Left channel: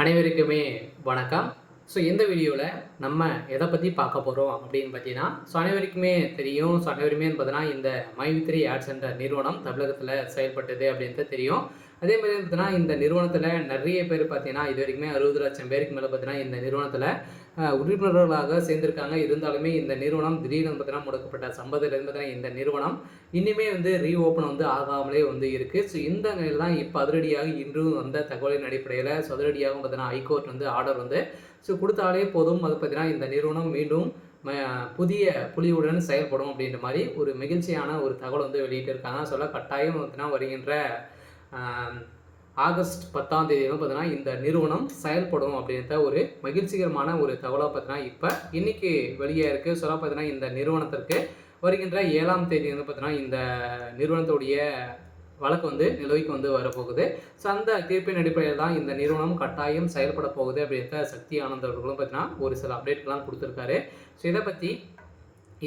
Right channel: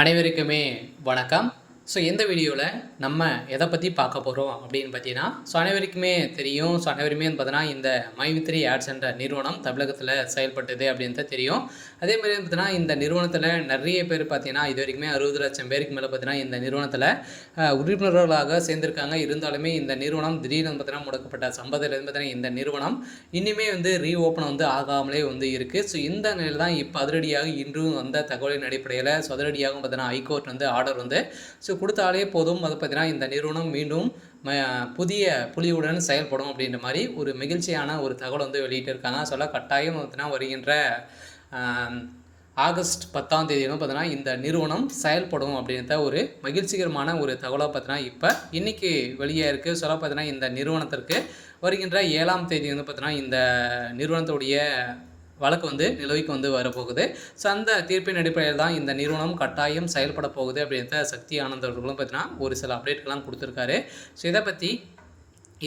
அனைவருக்குமே வணக்கம். இந்த வீடியோவில் நம்ம எதை பற்றி பார்க்க போகிறோம் அப்படின்னு பார்த்தீங்கன்னா, அனைவருக்குமே தெரியும். அனைவருமே பார்த்தீங்கன்னா இந்த மை3 ஆட்ஸ் என்ற நிறுவனம் தமிழகத்தில் செயல்பட்டது அப்படின்ட்டு தெரியும். அதே மாதிரி பார்த்தீங்கன்னா இந்த நிறுவனத்தில் நிறைய பேர் பார்த்தீங்கன்னா இது வரைக்குமே 60 லட்சம் பேருக்கு மேலே பார்த்தீங்கன்னா இந்த நிறுவனத்தில் உறுப்பினர்களாக சேர்ந்திருக்காங்க. இருந்தாலுமே இந்த நிறுவனம் திடீர்னு பார்த்தீங்கன்னா முடக்கப்பட்ட சம்பவத்திலிருந்து பார்த்தீங்கன்னா இந்த நிறுவனம் இன்னுமே ரீஓப்பன் ஆகாமலே இருக்குது. இந்த நிலையில் தான் இப்போ அதிரடியாக இன்றும் வந்த தகவலின் அடிப்படையில் அதிரடியாகவும் பார்த்தீங்கன்னா ஹைகோர்ட் ஆர்டர் கொடுத்தாலே போதும். அது பார்த்தீங்கன்னா இந்த நிறுவனம் மீண்டும் புதிய புலியுடன் செயல்படும் அப்படின்ற மாதிரி ஒரு மகிழ்ச்சியான ஒரு தகவல் வெளியிட்டிருக்காங்க. கட்டாயம் பார்த்தீங்கன்னா வருகின்ற ஆகஸ்ட் 10ஆம் தேதி பார்த்தீங்கன்னா இந்த நிறுவனம் செயல்படும் அப்படின்ற ஒரு மகிழ்ச்சிகரமான ஒரு தகவலாக பார்த்தீங்கன்னா இப்போ இன்றைக்கி வெளியே இருக்குது. பார்த்தீங்கன்னா இந்த நிறுவனத்திற்கு வருகின்ற 7ஆம் தேதி பார்த்தீங்கன்னா இந்த நிறுவனத்துடைய வழக்கு நிலுவைக்கு வரப்போகுது. அந்த தீர்ப்பின் அடிப்படையில் தான் இந்த நிறுவனம் கட்டாயம் செயல்பட போகுது அப்படின்ற சக்தி ஆனந்த் அவர்களும் பார்த்தீங்கன்னா ஒரு சில அப்டேட்கள்லாம் கொடுத்துருக்காரு. இதை பற்றி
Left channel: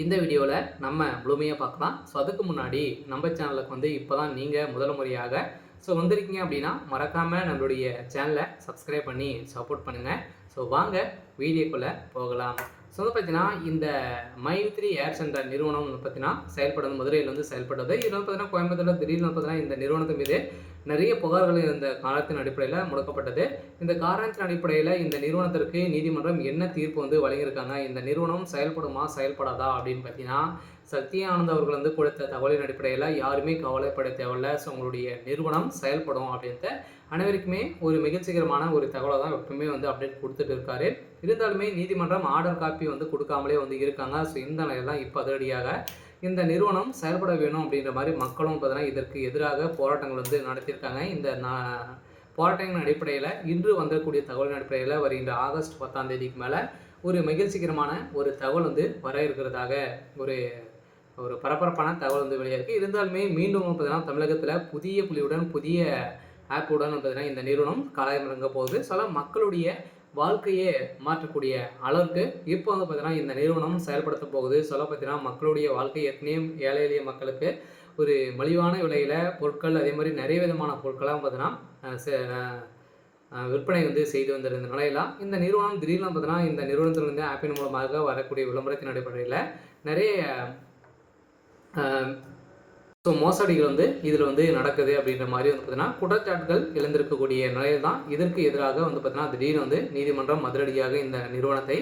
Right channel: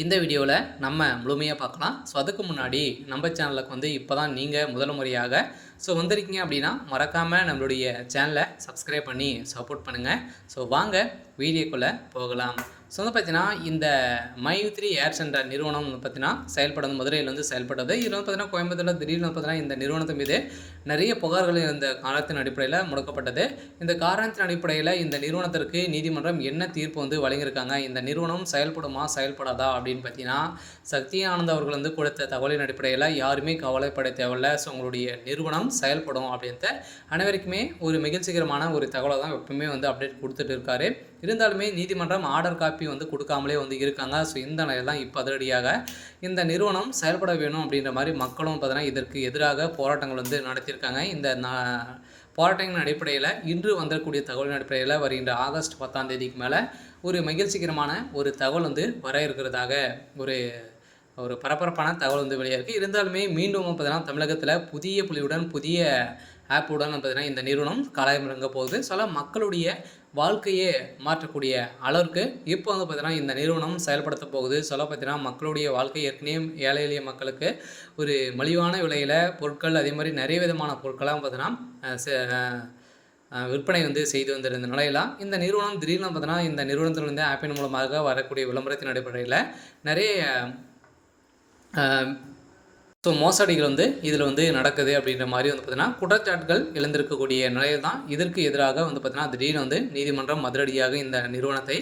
இந்த வீடியோவில் நம்ம முழுமையாக பார்க்கலாம். அதுக்கு முன்னாடி நம்ம சேனலுக்கு இப்போ தான் நீங்கள் முதல் முறையாக வந்திருக்கீங்க அப்படின்னா மறக்காமல் நம்மளுடைய சேனலை சப்ஸ்கிரைப் பண்ணி சப்போர்ட் பண்ணுங்கள். வாங்க வீடியோக்குள்ளே போகலாம். பார்த்தீங்கன்னா இந்த மை3 ஆட்ஸ் என்ற நிறுவனம் பார்த்தீங்கன்னா செயல்படுறது மதுரையில் செயல்படுறது. இதில் பார்த்தீங்கன்னா கோயம்புத்தூரில் திடீர்னு பார்த்தீங்கன்னா இந்த நிறுவனத்தின் மீது நிறைய புகார்கள் இந்த காரணத்தின் அடிப்படையில் முடக்கப்பட்டது. இந்த காரணத்தின் அடிப்படையில் இந்த நிறுவனத்திற்கு நீதிமன்றம் என்ன தீர்ப்பு வழங்கியிருக்காங்க, இந்த நிறுவனம் செயல்படுமா செயல்படாதா அப்படின்னு பார்த்தீங்கன்னா சக்தி ஆனந்த் அவர்கள் கொடுத்த தகவலின் அடிப்படையில் யாருமே கவலைப்பட தேவையில்லை. உங்களுடைய நிறுவனம் செயல்படும் அப்படின்ட்டு அனைவருக்குமே ஒரு மகிழ்ச்சிகரமான ஒரு தகவலை தான் எப்பவுமே அப்டேட் கொடுத்துட்டு இருக்காரு. இருந்தாலுமே நீதிமன்றம் ஆர்டர் காப்பி கொடுக்காமலே இருக்காங்க. இந்த நிலையில் தான் இப்போ அதிரடியாக இந்த நிறுவனம் செயல்பட வேணும் அப்படின்ற மாதிரி மக்களும் பார்த்தீங்கன்னா இதற்கு எதிராக போராட்டங்கள் நடத்தியிருக்காங்க. இந்த போராட்டங்களின் அடிப்படையில் இன்று வந்தக்கூடிய தகவலின் அடிப்படையில் வருகின்ற ஆகஸ்ட் 10ஆம் தேதிக்கு மேலே ஒரு மகிழ்ச்சிகரமான ஒரு தகவல் வர இருக்கிறதாக ஒரு பரபரப்பான தகவல் வெளியாயிருக்கு. இருந்தாலுமே மீண்டும் பார்த்தீங்கன்னா தமிழகத்தில் புதிய புலியுடன் புதிய ஆப்புடன் பார்த்தீங்கன்னா இந்த நிறுவனம் களமிறங்க போகுது. மக்களுடைய வாழ்க்கையே மாற்றக்கூடிய அளவுக்கு இப்போ பார்த்தீங்கன்னா இந்த நிறுவனம் செயல்படுத்த போகுது. பார்த்தீங்கன்னா மக்களுடைய வாழ்க்கை ஏற்கனவே ஏழை எளிய மக்களுக்கு ஒரு மலிவான விலையில் பொருட்கள் அதே மாதிரி நிறைய விதமான பொருட்கள்லாம் பார்த்தீங்கன்னா விற்பனை செய்து வந்திருந்த நிலையெல்லாம் இந்த நிறுவனம் திடீர்னு பார்த்தீங்கன்னா இந்த நிறுவனத்திலிருந்து ஆப்பின் மூலமாக வரக்கூடிய விளம்பரத்தின் அடிப்படையில் நிறைய மோசடிகள் இதில் நடக்குது அப்படின்ற மாதிரி பார்த்தீங்கன்னா குற்றச்சாட்டுகள் எழுந்திருக்கக்கூடிய நிலையில் தான் இதற்கு எதிராக பார்த்தீங்கன்னா திடீர்னு நீதிமன்றம் அதிரடியாக இந்த நிறுவனத்தை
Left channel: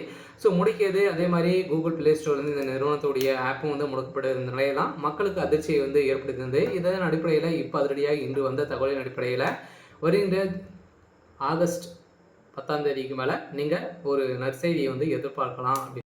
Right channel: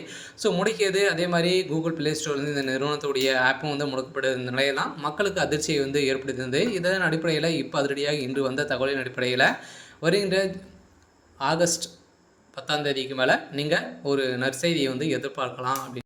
முடக்கியது. அதே மாதிரி கூகுள் பிளே ஸ்டோர் இந்த நிறுவனத்துடைய ஆப்பும் முடக்கப்பட்ட நிலையில் தான் மக்களுக்கு அதிர்ச்சியை ஏற்படுத்தியிருந்தது. இதன் அடிப்படையில் இப்போ அதிரடியாக இன்று வந்த தகவலின் அடிப்படையில் வருகின்ற ஆகஸ்ட் 10ஆம் தேதிக்கு மேலே நீங்கள் ஒரு நற்செய்தியை எதிர்பார்க்கலாம் அப்படி